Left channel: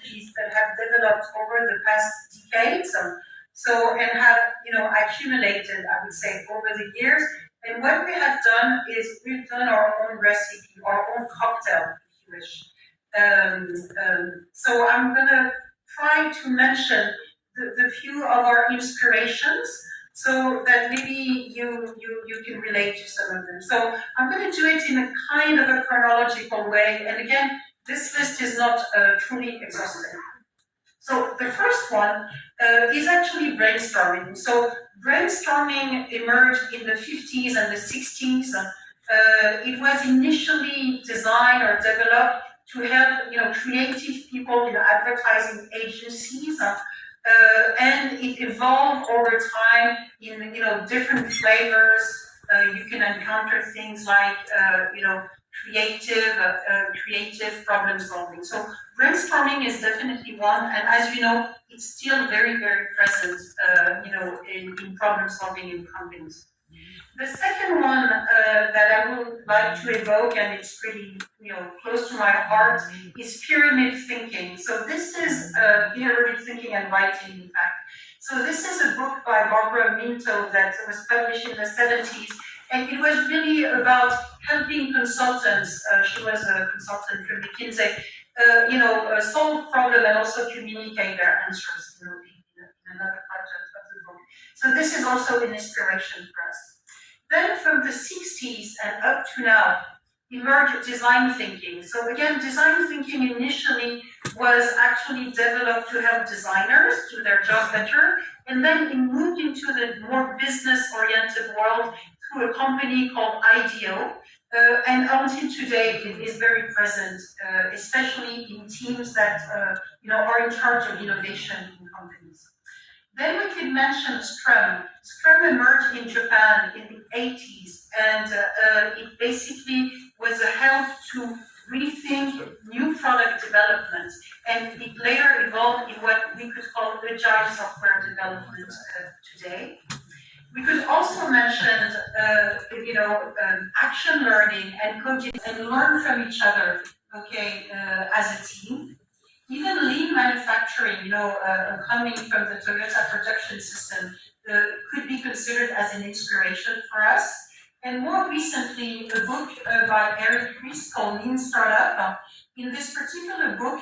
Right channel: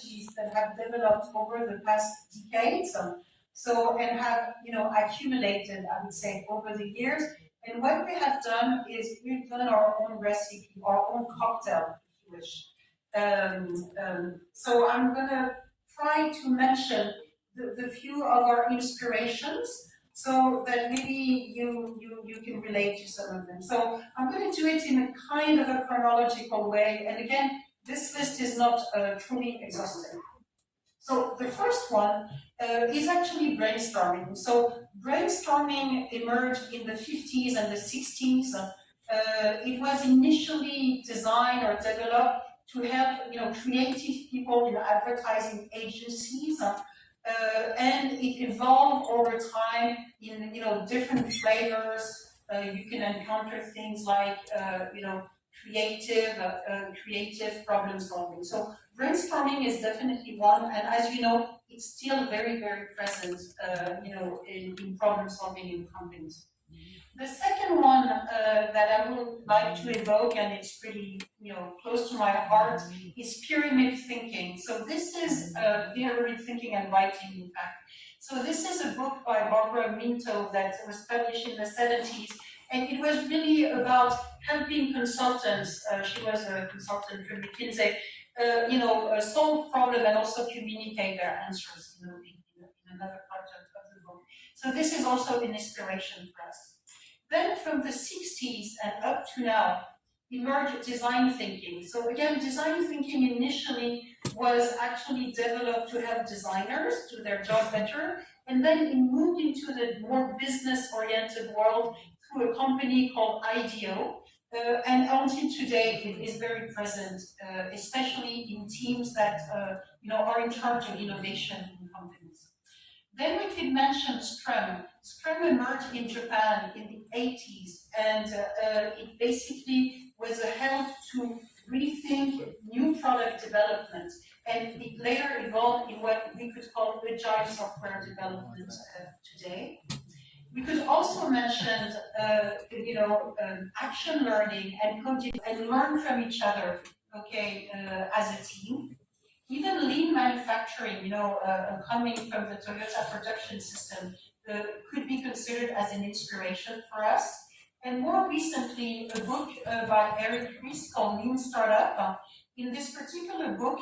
methodologies that have developed over the past decades. And have, accumulated, I would say, over the years. And what we have done is we've done our own recipe, our own cocktail, if you wish. So I'm going to try to mention the few of our inspirations so that maybe you can relate to some of them. So I'm going to do it in a kind of a chronological way. And again, this list is not truly exhaustive. So the first one is actually brainstorming. So brainstorming emerged in the 50s and the 60s. It was initially designed or developed to help, creative people in advertising agencies, and it evolved over time in, different flavors. You can encounter things like, creative problem solving. So brainstorming is definitely one, and as you know, it's still very, very present, in problem solving in companies. The second one that I would like to evoke, and it's pretty, close to my heart, is pyramid thinking. So this is pyramid thinking and writing, in fact. So this is a book by Barbara Minto that was published in the 70s, and it was really about helping consultants. She was a consultant from McKinsey, solve problems and also communicate their answers, in another part of the book. So this is also an inspiration for us. Then from the 60s and up to now, emerged design thinking. So again, design thinking initially was actually developed to help designers do their job better, and then it moved into the more business-oriented world through a company called IDEO, and until today it is very present, especially in teams that are in charge of innovation in companies. Then we could mention Scrum. Scrum emerged in Japan in the 80s, and it basically was a help to rethink new product development, and it later evolved in what we could call agile software development today. We could also mention, action learning and coaching and learn from each other, as a team. Even lean manufacturing, coming from the Toyota production system, could be considered as an inspiration for us. And more recently, a book by Eric Ries called Lean Startup. In this particular book,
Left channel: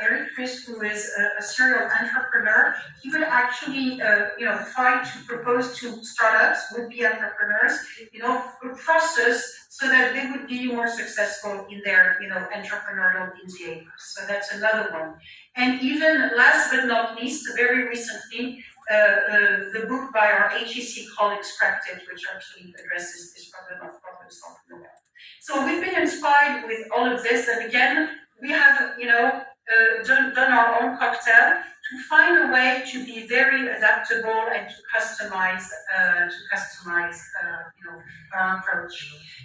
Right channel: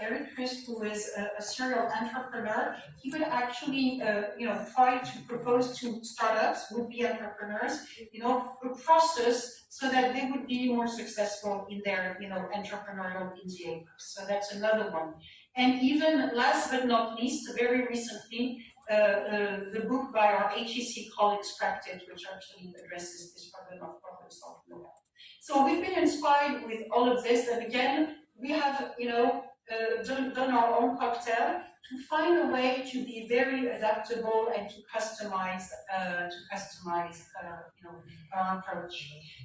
Eric Ries, who is a serial entrepreneur, he would actually, try to propose to startups, would-be entrepreneurs, a process so that they would be more successful in their, entrepreneurial endeavors. So that's another one. And even last but not least, very recently, the book by our IIC colleagues, Practice, which actually addresses this problem of problem solving. So we've been inspired with all of this, and again, we have, done our own cocktail to find a way to be very adaptable and to customize, our approach.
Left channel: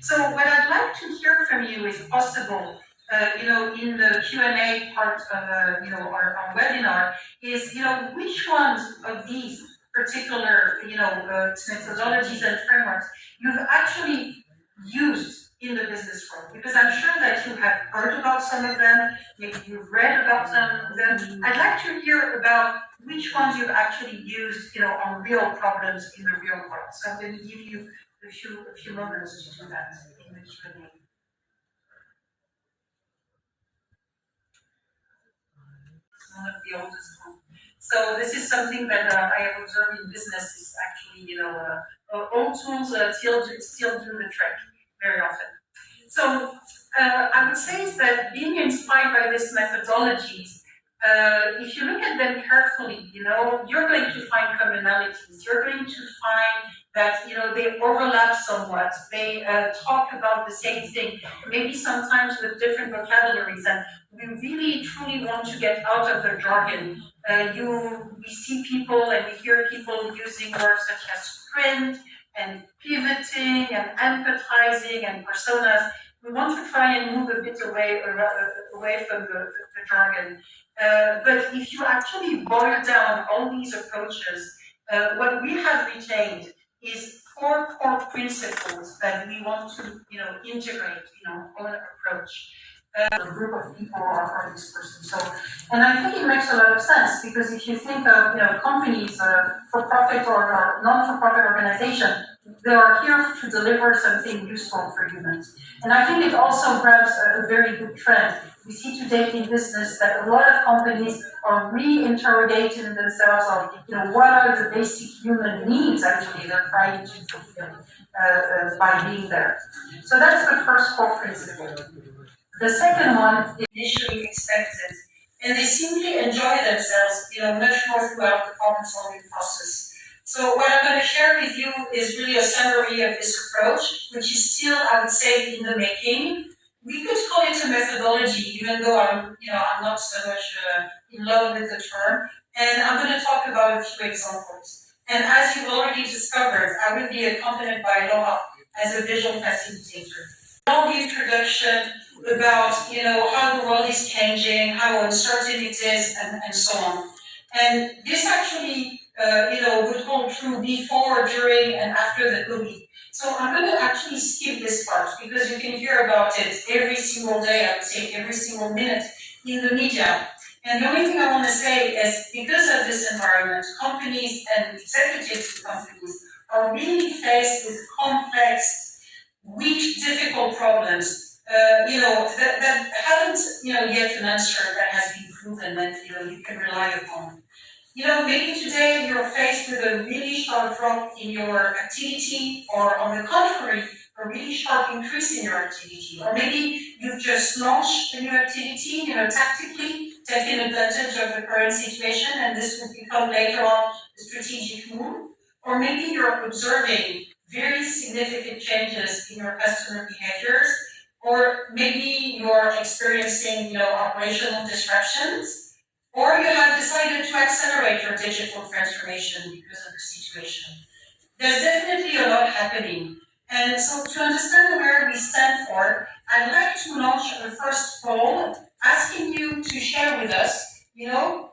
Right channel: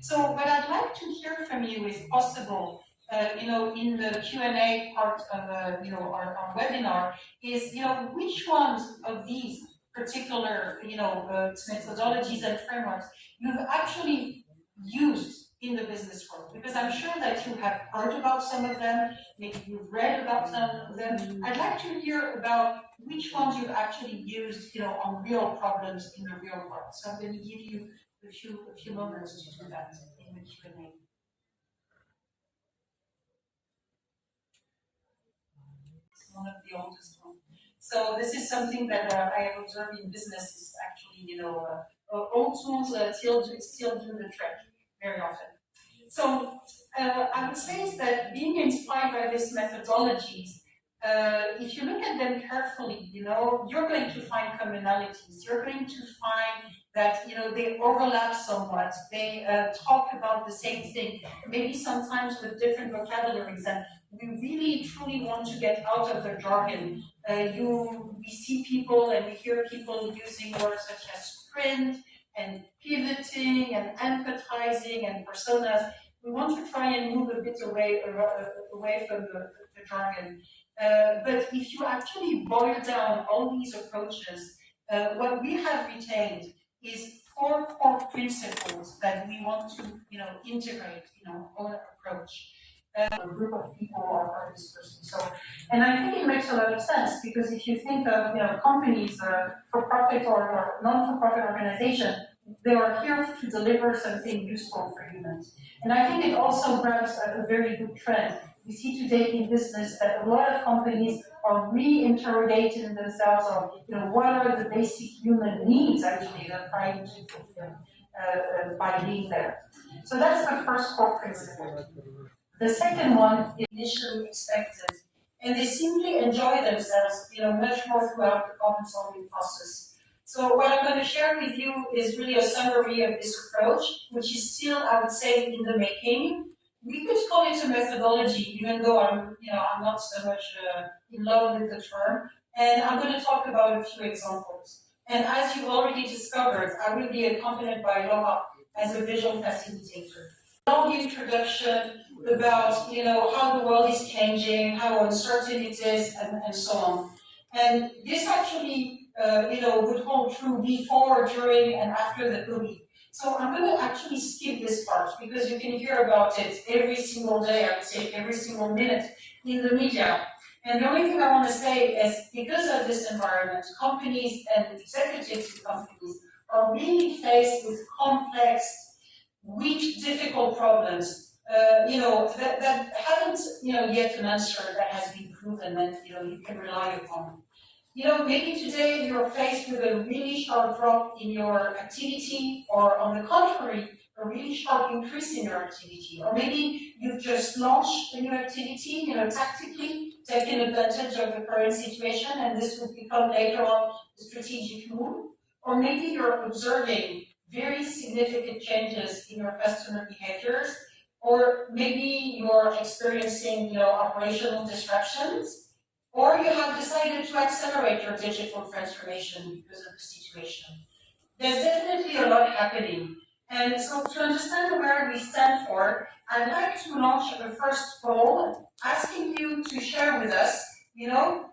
So what I'd like to hear from you is possible, in the Q&A part of, our webinar, is, which ones of these particular, methodologies and frameworks you've actually used in the business world, because I'm sure that you have heard about some of them, maybe you've read about some of them. I'd like to hear about which ones you've actually used, on real problems in the real world. So I'm going to give you a few moments to do that in the Q&A. It's one of the oldest ones. So this is something that I have observed in business is actually, old tools still do the trick very often. So I would say is that being inspired by these methodologies, if you look at them carefully, you're going to find commonalities. You're going to find that, they overlap somewhat. They talk about the same thing, maybe sometimes with different vocabularies. And we really, truly want to get out of the jargon. We see people and we hear people using words such as sprint and pivoting and empathizing and personas. We want to try and move a bit away from the jargon. But if you actually boil down all these approaches, what we have retained is 4 core principles that we want to, integrate, on our approach. a group of people or this person. So, and I think it makes a lot of sense because if you think of companies, for profit or non-for-profit organization, they are here to deliver something useful for humans. And I think it also grabs a very good trend. We see today in business that a lot of companies are re-interrogating themselves on, what are the basic human needs actually they're trying to fulfill by being there. So that's the first core principle. The second one is initially expected, and they simply enjoy themselves, much more throughout the problem-solving process. So what I'm going to share with you is really a summary of this approach, which is still, I would say, in the making. We could call it a methodology, even though I'm not so much in love with the term. And I'm going to talk about a few examples. And as you've already discovered, I will be accompanied by Laura as a visual facilitator. Long introduction about how the world is changing, how uncertain it is, and so on. And this actually would hold true before, during, and after the COVID. So I'm going to actually skip this part because you can hear about it every single day, I would say every single minute in the media. And the only thing I want to say is because of this environment, companies and executives in companies are really faced with complex, weak, difficult problems that haven't, yet an answer that has been proven that, you can rely upon. Maybe today you're faced with a really sharp drop in your activity, or on the contrary, a really sharp increase in your activity. Or maybe you've just launched a new activity, tactically taking advantage of the current situation, and this will become later on a strategic move. Or maybe you're observing very significant changes in your customer behaviors, or maybe you're experiencing, operational disruptions, or you have decided to accelerate your digital transformation because of the situation. There's definitely a lot happening. And so to understand where we stand for, I'd like to launch the first poll, asking you to share with us,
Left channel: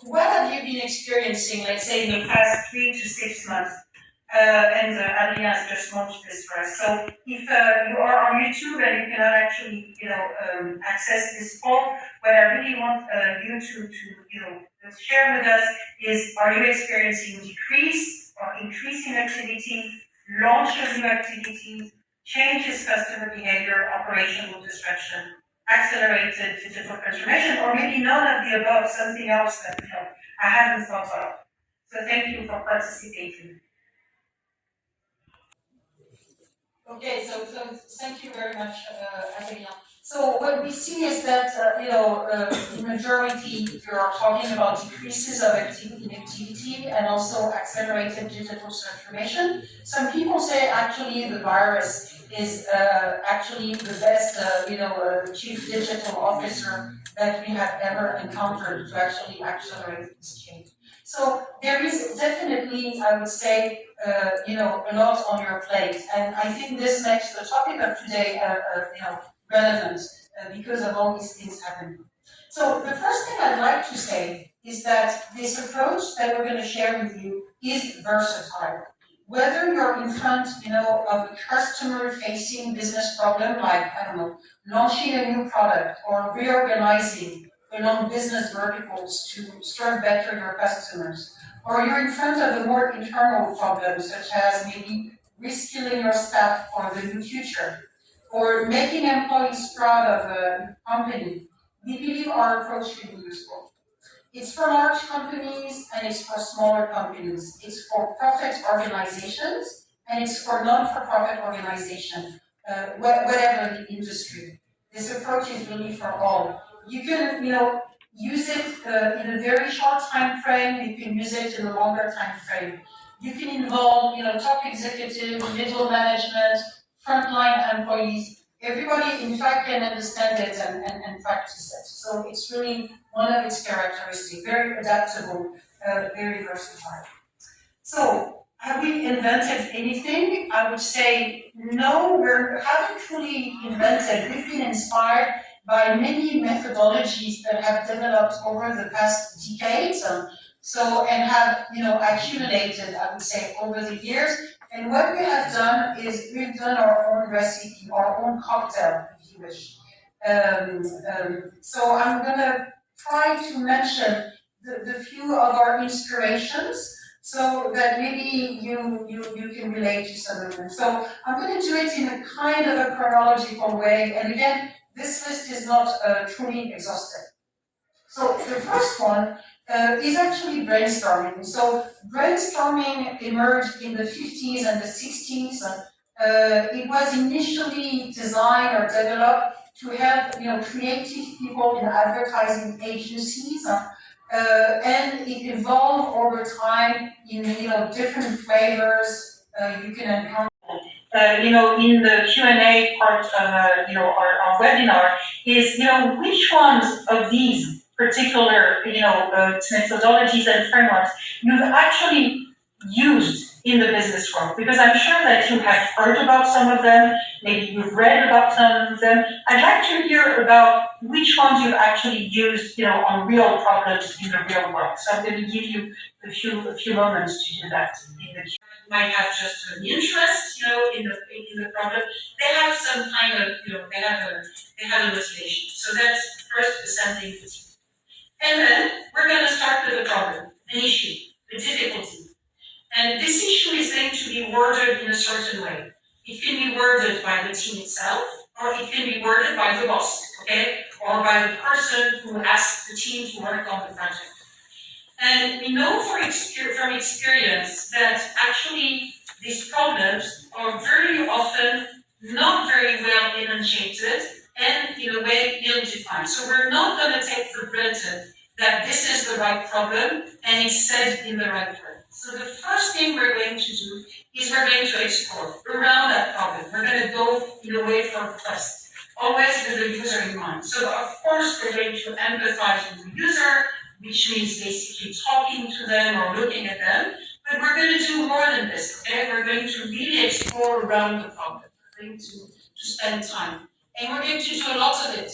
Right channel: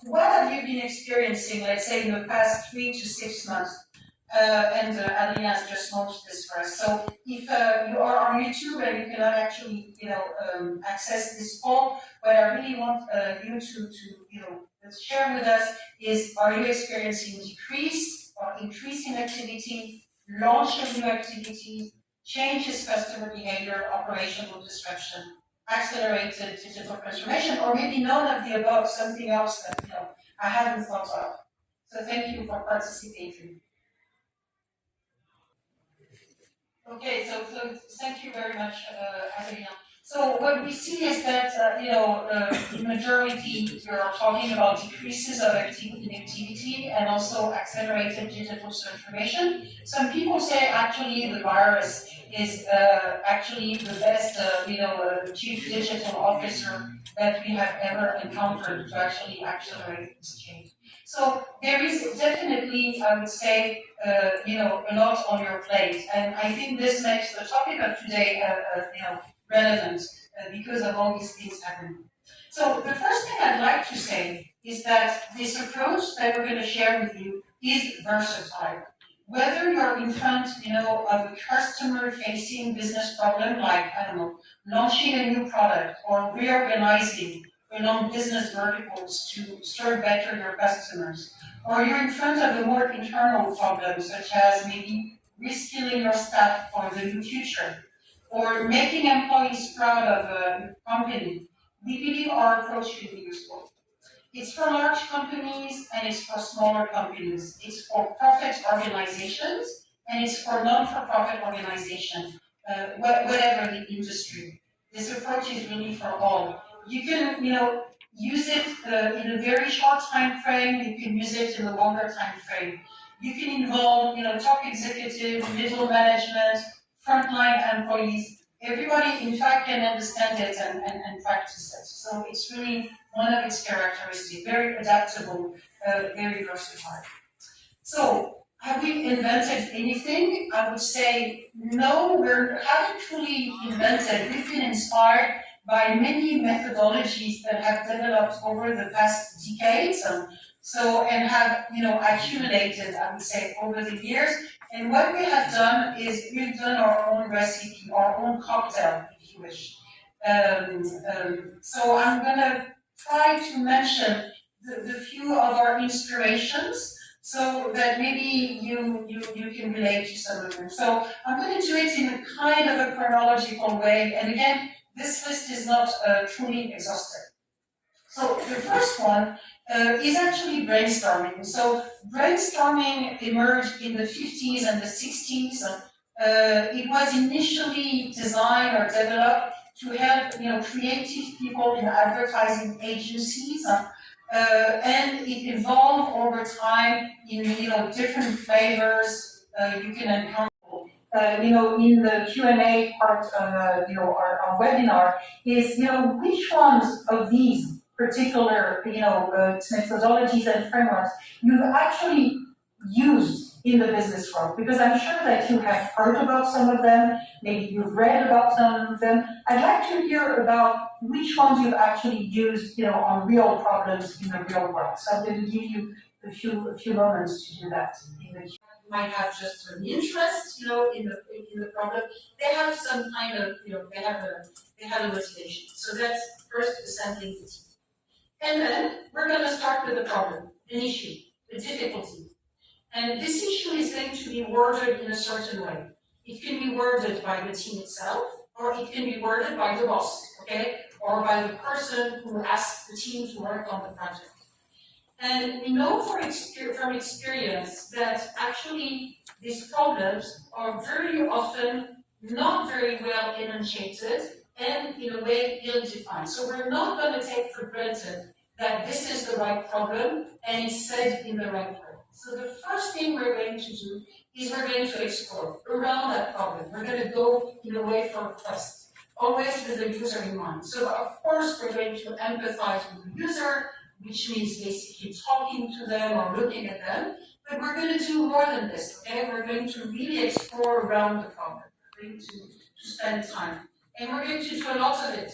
what have you been experiencing, let's say, in the past 3 to 6 months? And Adeline has just launched this for us. So if you are on YouTube and you cannot actually, access this poll, what I really want you to share with us is: are you experiencing decrease or increase in activity, launch of new activities, changes customer behavior, operational disruption, accelerated digital transformation, or maybe none of the above, something else that I haven't thought of. So thank you for participating. Okay, so thank you very much, Adelina. So what we see is that, in majority, we are talking about decreases of activity and also accelerated digital transformation. Some people say actually the virus is actually the best, chief digital officer that we have ever encountered to actually accelerate this change. So there is definitely, I would say, a lot on your plate, and I think this makes the topic of today, relevant because of all these things happening. So the first thing I'd like to say is that this approach that we're going to share with you is versatile. Whether you're in front, of a customer-facing business problem like, I don't know, launching a new product or reorganizing along business verticals to serve better your customers, or you're in front of a more internal problem, such as maybe reskilling your staff for the new future, or making employees proud of a company, we believe our approach can be useful. It's for large companies and it's for smaller companies. It's for profit organizations and it's for non-for-profit organizations, whatever the industry. This approach is really for all. You can, use it in a very short time frame. You can use it in a longer time frame. You can involve, top executive, middle management, frontline employees. Everybody, in fact, can understand it and practice it. So it's really one of its characteristics, very adaptable, very versatile. So, have we invented anything? I would say no, we haven't truly invented. We've been inspired by many methodologies that have developed over the past decades, and have accumulated, I would say, over the years. And what we have done is we've done our own recipe, our own cocktail, if you wish. So I'm going to try to mention the few of our inspirations so that maybe you can relate to some of them. So I'm going to do it in a kind of a chronological way. And again, this list is not truly exhaustive. So the first one is actually brainstorming. So brainstorming emerged in the 50s and the 60s. It was initially designed or developed to help creative people in advertising agencies. And it evolved over time in different flavors you can encounter. In the Q&A part of our webinar is which ones of these particular methodologies and frameworks you've actually used in the business world, because I'm sure that you have heard about some of them, maybe you've read about some of them. I'd like to hear about which ones you've actually used on real problems in the real world. So I'm going to give you a few moments to do that in the might have just an interest, in the problem. They have some kind of, they have a motivation. So that's first assembling the team. And then we're going to start with a problem, an issue, a difficulty. And this issue is going to be worded in a certain way. It can be worded by the team itself, or it can be worded by the boss, okay? Or by the person who asked the team to work on the project. And we know from experience that actually these problems are very often not very well enunciated and in a way ill-defined. So we're not going to take for granted that this is the right problem and it's said in the right way. So the first thing we're going to do is we're going to explore around that problem. We're going to go in a way for request, always with the user in mind. So of course we're going to empathize with the user, which means basically talking to them or looking at them. But we're going to do more than this, okay? We're going to really explore around the problem. We're going to spend time. And we're going to do a lot of it.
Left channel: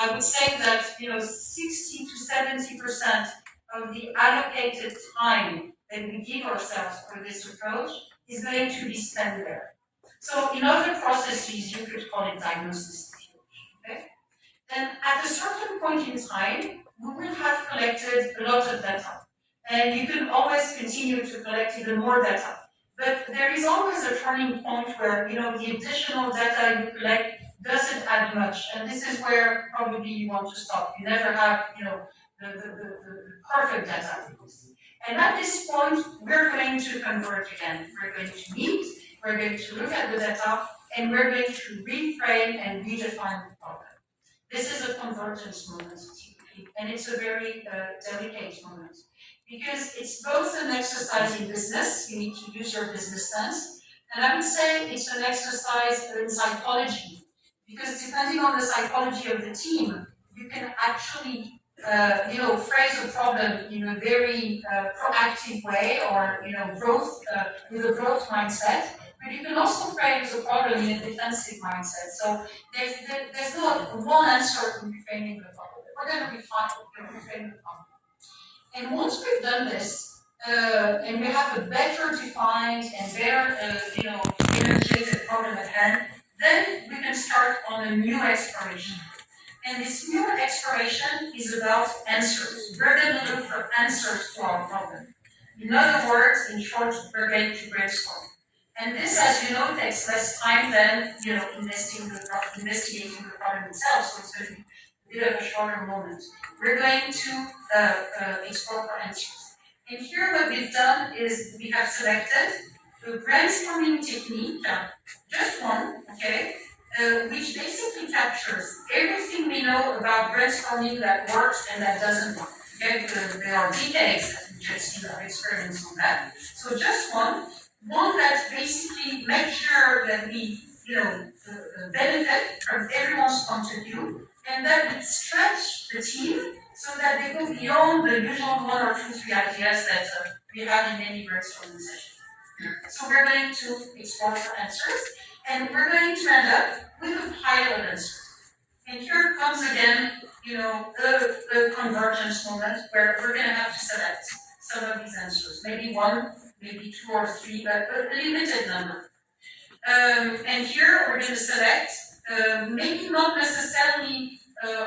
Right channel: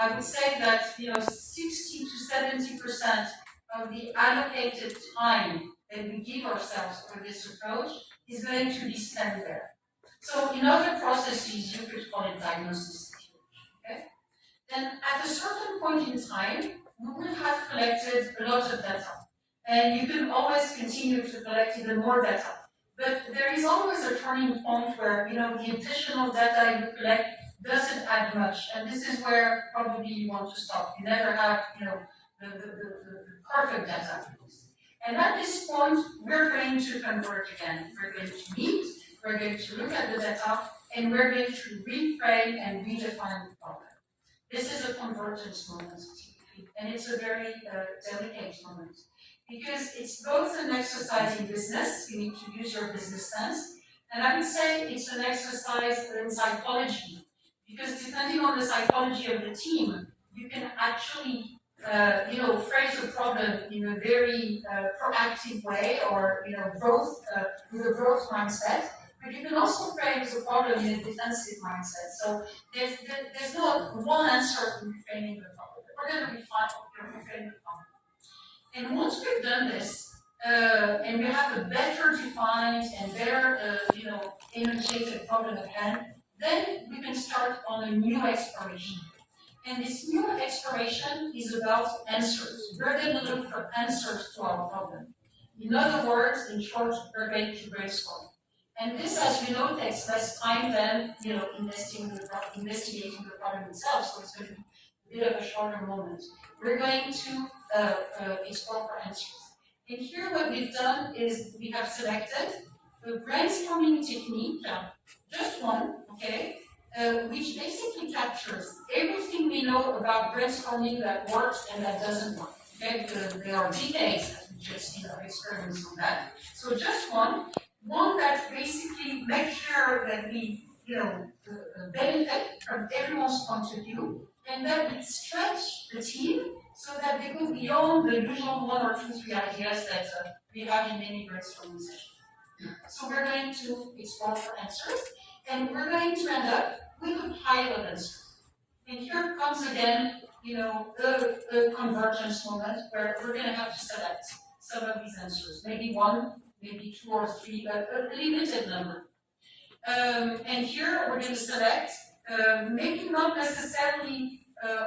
I would say that 60 to 70% of the allocated time that we give ourselves for this approach is going to be spent there. So in other processes, you could call it diagnosis, okay? Then at a certain point in time, we will have collected a lot of data. And you can always continue to collect even more data. But there is always a turning point where the additional data you collect doesn't add much. And this is where probably you want to stop. You never have the perfect data. And at this point, we're going to converge again. We're going to meet, we're going to look at the data, and we're going to reframe and redefine the problem. This is a convergence moment, typically, and it's a very delicate moment, because it's both an exercise in business, you need to use your business sense, and I would say it's an exercise in psychology, because depending on the psychology of the team, you can actually phrase a problem in a very proactive way, or growth with a growth mindset. But you can also phrase a problem in a defensive mindset. So there's not one answer to reframing the problem. We're going to reframe the problem. And once we've done this, and we have a better defined and better, enunciated problem at hand, then we can start on a new exploration. And this new exploration is about answers. We're going to look for answers to our problem. In other words, in short, we're going to brainstorm. And this, as you know, takes less time than investigating the problem itself. So it's going to be a bit of a shorter moment. We're going to explore for answers. And here, what we've done is we have selected the brainstorming technique, just one, okay, which basically captures everything we know about brainstorming that works and that doesn't work. Okay, because there are decades, as we just seen, of experience on that. So just one that basically makes sure that we, benefit from everyone's point of view, and that we stretch the team so that they go beyond the usual 1 or 2, 3 ideas that we have in any brainstorming session. So we're going to explore for answers, and we're going to end up with a pile of answers. And here comes again, the convergence moment where we're going to have to select some of these answers. Maybe 1, maybe 2 or 3, but a limited number. And here we're going to select maybe not necessarily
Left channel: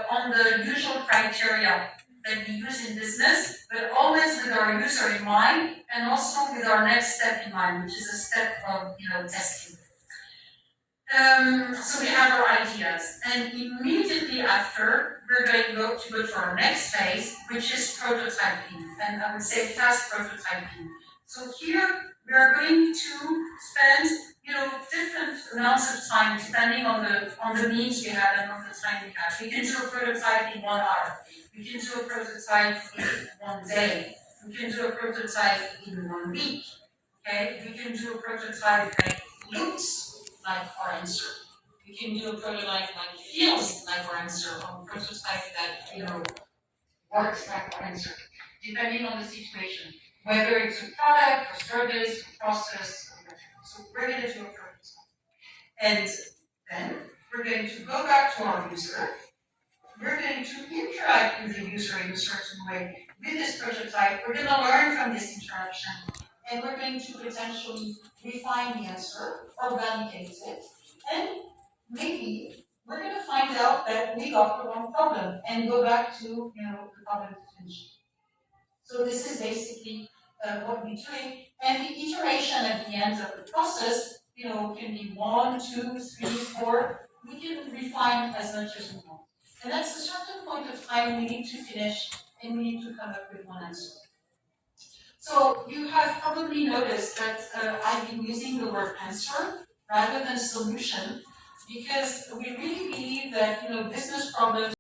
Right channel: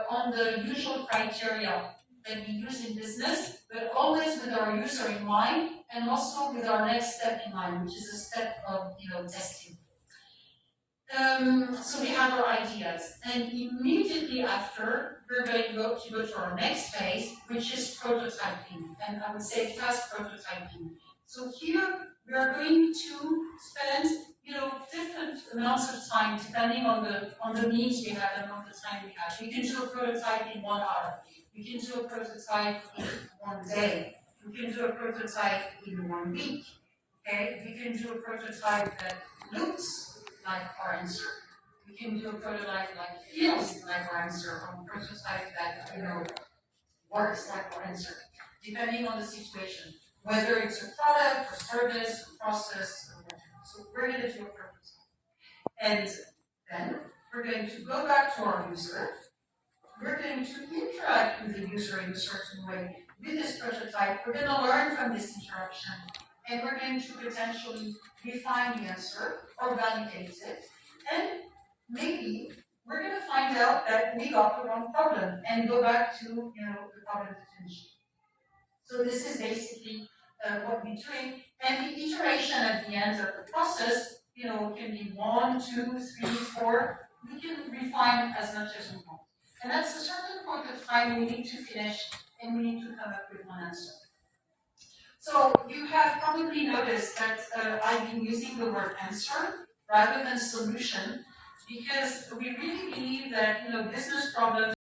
on the usual criteria that we use in business, but always with our user in mind and also with our next step in mind, which is a step of testing. So we have our ideas, and immediately after, we're going to go to our next phase, which is prototyping, and I would say fast prototyping. So here, we are going to spend, different amounts of time depending on the needs we have and on the time we have. We can do a prototype in 1 hour. We can do a prototype in 1 day. We can do a prototype in 1 week. Okay, we can do a prototype that looks like our answer. We can do a prototype that feels like our answer, or a prototype that works like our answer, depending on the situation, whether it's a product, a service, a process, or whatever. So we're going to do a prototype, and then we're going to go back to our user. We're going to interact with the user in a certain way with this prototype. We're going to learn from this interaction, and we're going to potentially refine the answer or validate it. And maybe we're going to find out that we got the wrong problem and go back to the problem definition. So this is basically what we're doing. And the iteration at the end of the process, can be 1, 2, 3, 4. We can refine as much as we want. And at a certain point of time, we need to finish and we need to come up with one answer. So you have probably noticed that I've been using the word answer rather than solution, because we really believe that business problems